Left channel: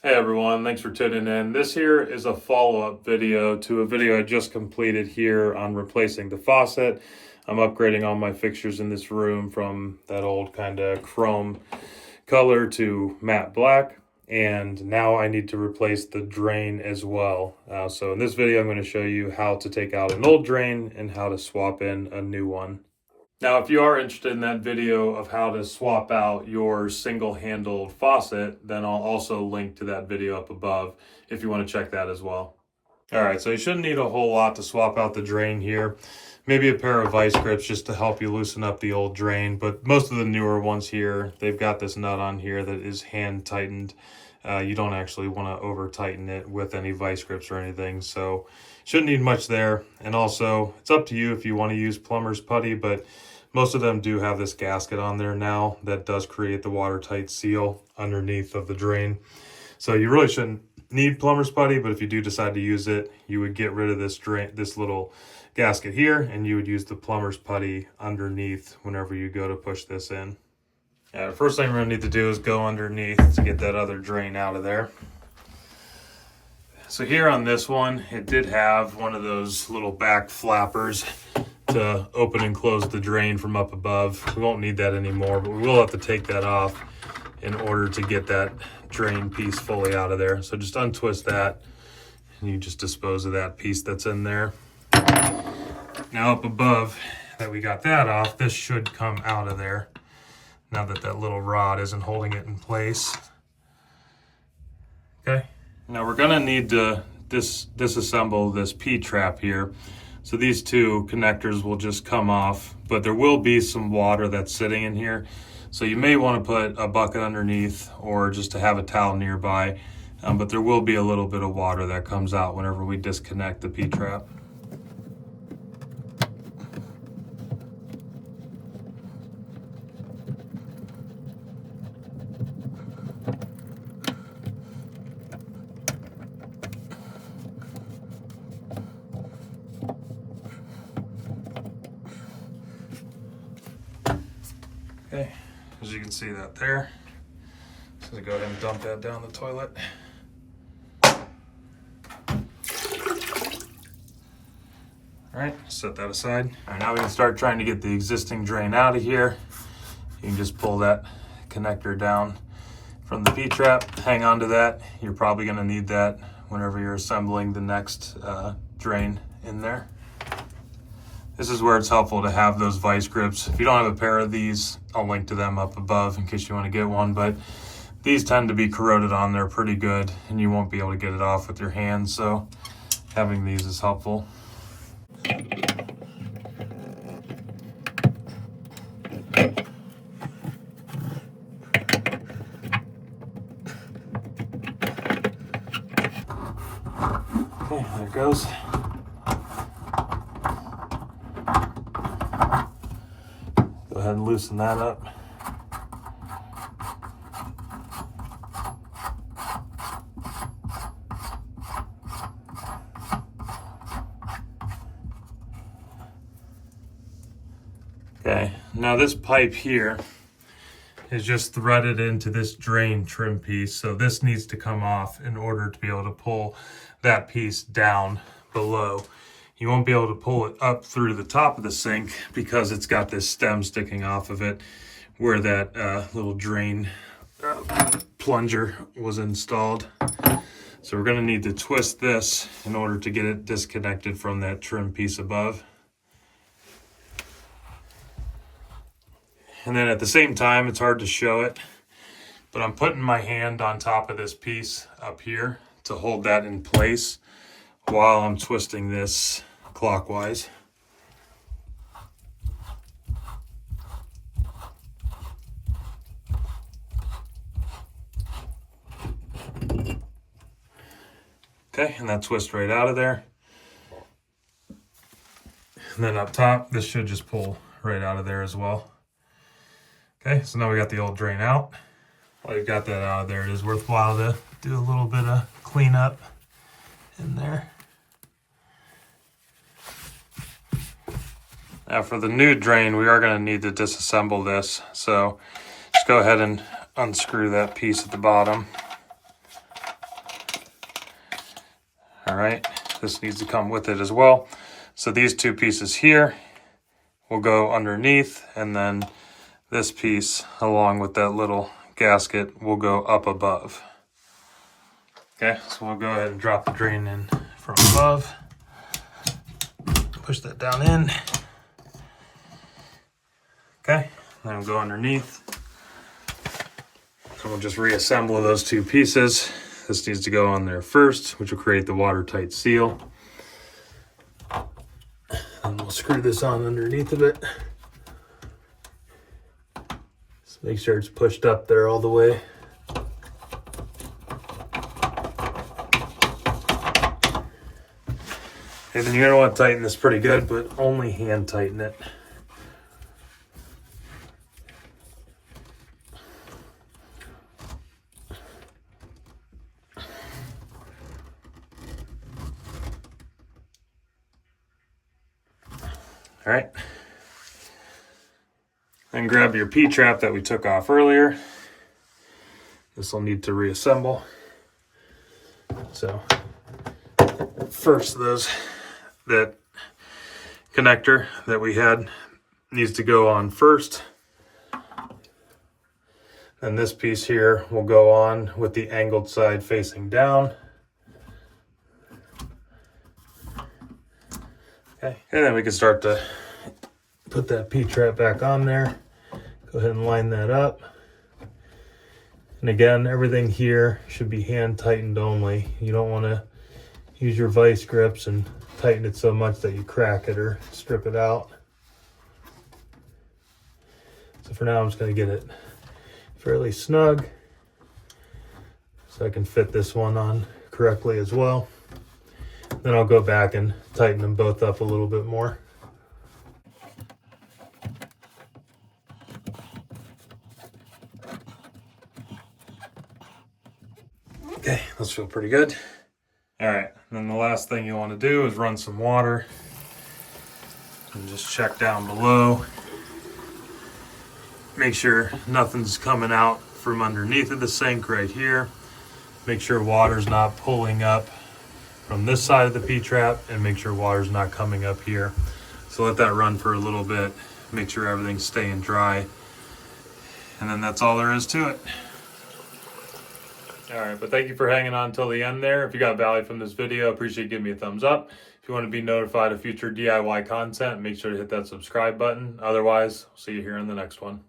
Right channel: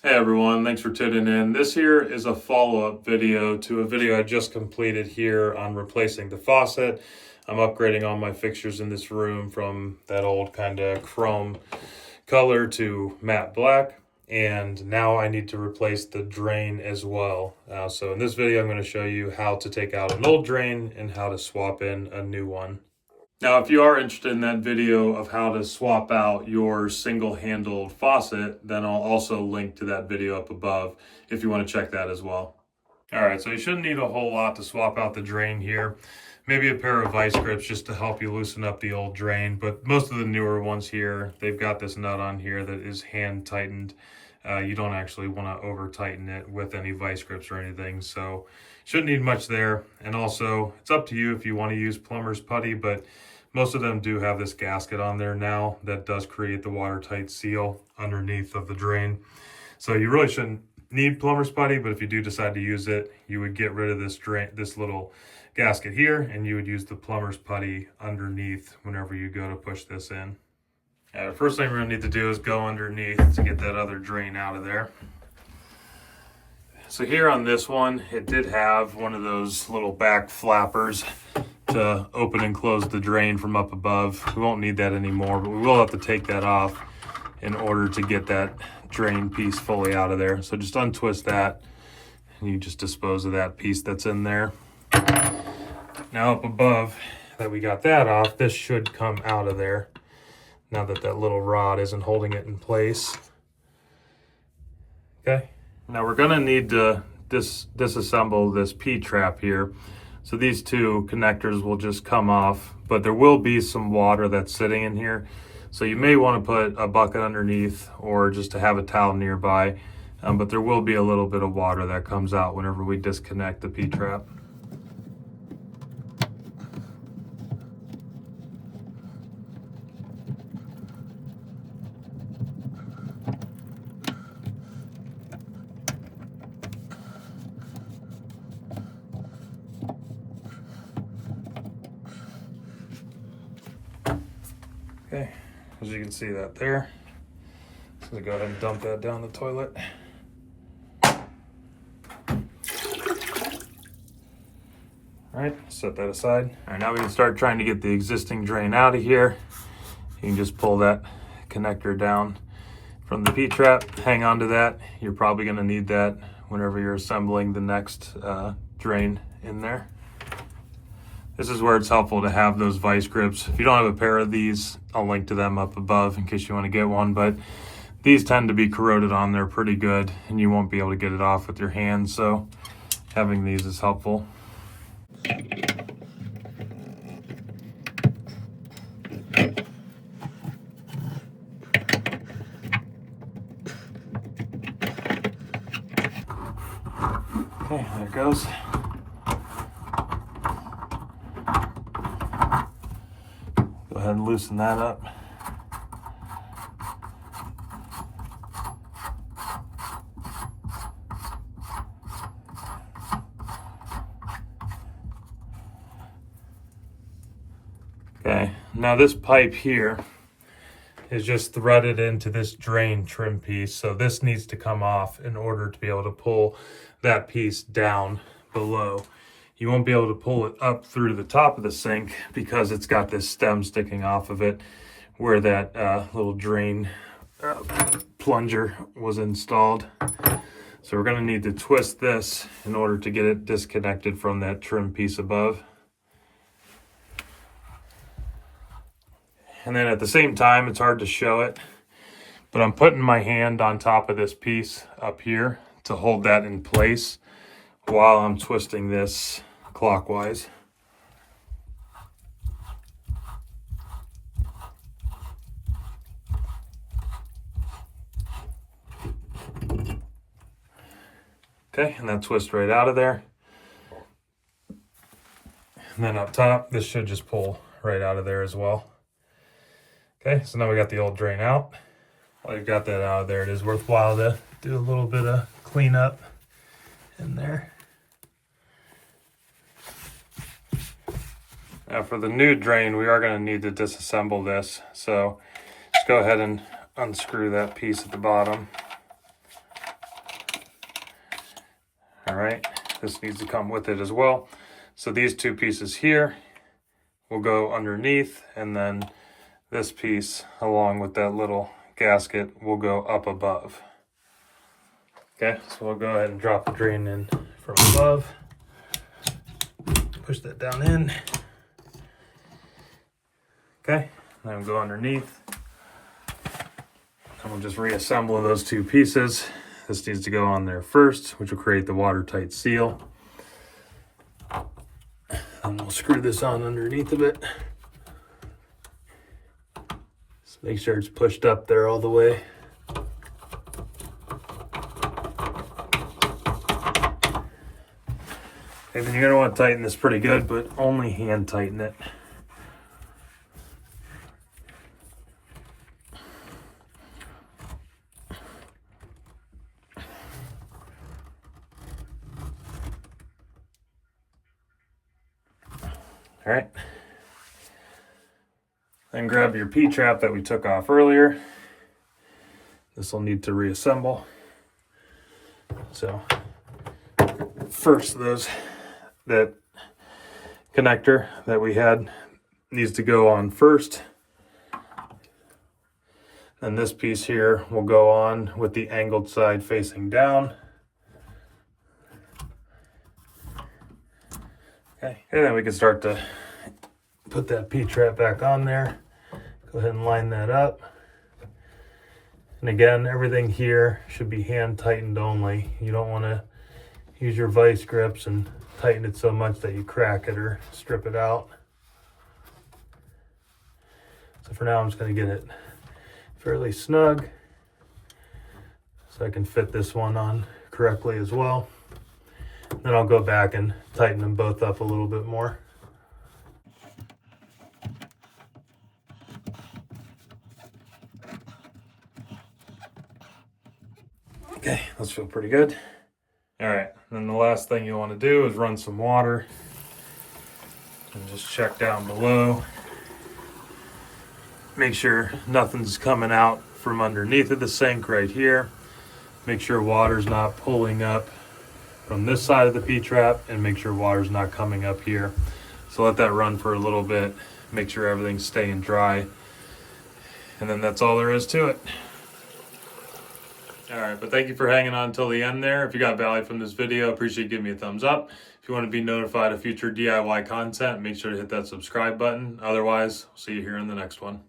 Hey everyone, thanks for tuning in. This here is a follow-up video to a video I just completed here on replacing the faucet. I'm upgrading all my fixtures in this room from that old kind of chrome color to matte black. And now I need to replace the drain as well. So in this video, I'm going to show you how to take out an old drain and how to swap in a new one. Now, if you are interested in that video of how to swap out your single-handled faucet, then I'll also link to that video up above if you want to check that as well. All right, so you shouldn't need a whole lot to swap out the drain here. Maybe a pair of vice grips just to help you loosen up the old drain, but most of the newer ones here, they've got this nut on here that is hand tightened. You don't actually want to over tighten it with any vice grips or anything, so shouldn't need much there. And also, it's up to you if you want to use plumber's putty, but most of them do have this gasket on there now that does create the watertight seal underneath of the drain. So you really shouldn't need plumber's putty, but if you do decide to use it, you would get rid of this little gasket here, and you would use the plumber's putty underneath whenever you go to push this in. The first thing we're gonna need to do is go underneath to get that other drain out of there. So here on this one, it did have one of those little back flappers to open and close the drain from up above. We won't need that anymore, but we will have to take that off in order to get that drain piece fully out of there. So just untwist that and you just dispose of that piece that's in there. Now up above that we got that off, this should come out of there now that that little rod isn't holding it in place. Okay, now we're gonna need to disassemble this P-trap here. So these two connectors will just come off, but there will be some water that's sitting in here. So you may want to put a bucket underneath or just to have a towel nearby. But there will be a little bit of water that comes out whenever we disconnect the P-trap. Okay, as you can see that there. So go ahead and dump that down the toilet. All right, set that aside. All right, now we can start trying to get the existing drain out of here. You can just pull that connector down from the P-trap, hang on to that. You're probably gonna need that whenever you're assembling the next drain in there. This is where it's helpful to have those vice grips. If you don't have a pair of these, I'll link to them up above in case you want to get one, but these tend to be corroded on there pretty good and you won't be able to get it off with your hands, so having these is helpful. Okay, there it goes. Go ahead and loosen that up. Okay, now this pipe here is just threaded into this drain trim piece. So this needs to come off in order to be able to pull that piece down below. You won't be able to pull it up through the top of the sink because it's got this stem sticking off of it where that little drain plunger was installed. So we're gonna need to twist this in order to get it disconnected from that trim piece above. And then at the same time, it's hard to show it, but I'm putting my hand on top of this piece up here to hold that in place while I'm twisting this clockwise. Okay, and that twist right out of there. And then up top, this should just pull right out of there as well. Okay, so now we got the old drain out. While you've got that out of there, it is worthwhile to do a little bit of cleanup in there. Now for the new drain, we are going to need to disassemble this. So just go ahead and unscrew that piece at the bottom. right, this needs to come with it as well. So these two pieces here will go underneath, and then this piece along with that little gasket will go up above. Okay, so we'll go ahead and drop the drain in from above. Push that down in. Okay, then we'll go underneath. And we'll just reassemble those two pieces. This needs to go on there first, which will create the watertight seal. And we'll screw this on underneath of it. Just make sure it's pushed up there all the way. And then you're gonna want to tighten this pretty good, but only hand tighten it. All right. And grab your P-trap that we took off earlier. This will need to reassemble. So first, that connector that we had needs to go on first. Then this piece here will go on with the angled side facing down. Okay, and then we can start to put that P-trap back on there. Go ahead and line that up. And again, everything here should be hand tightened only. You don't want to use your vice grips and tighten it so much that you crack it or strip it out. So for now, I'm just going to get it fairly snug so I can fit this one on correctly as well. Then I'll go back and tighten them both up a little bit more. Okay, those feel pretty good. All right, then the last thing you want to do is run some water and just check down below. Make sure nothing's coming out from underneath of the sink right here. Make sure water's not pulling up from this side of the P-trap, and make sure water's not coming up here. So let that run for a little bit. Make sure everything's staying dry. And then that's all there is to it. All right, but thank you for hanging on until the end there. If you got value from this video, appreciate you giving me a thumbs up. If you want to be notified of future DIY content, make sure to hit that subscribe button. Otherwise, I'll see you here in the next one.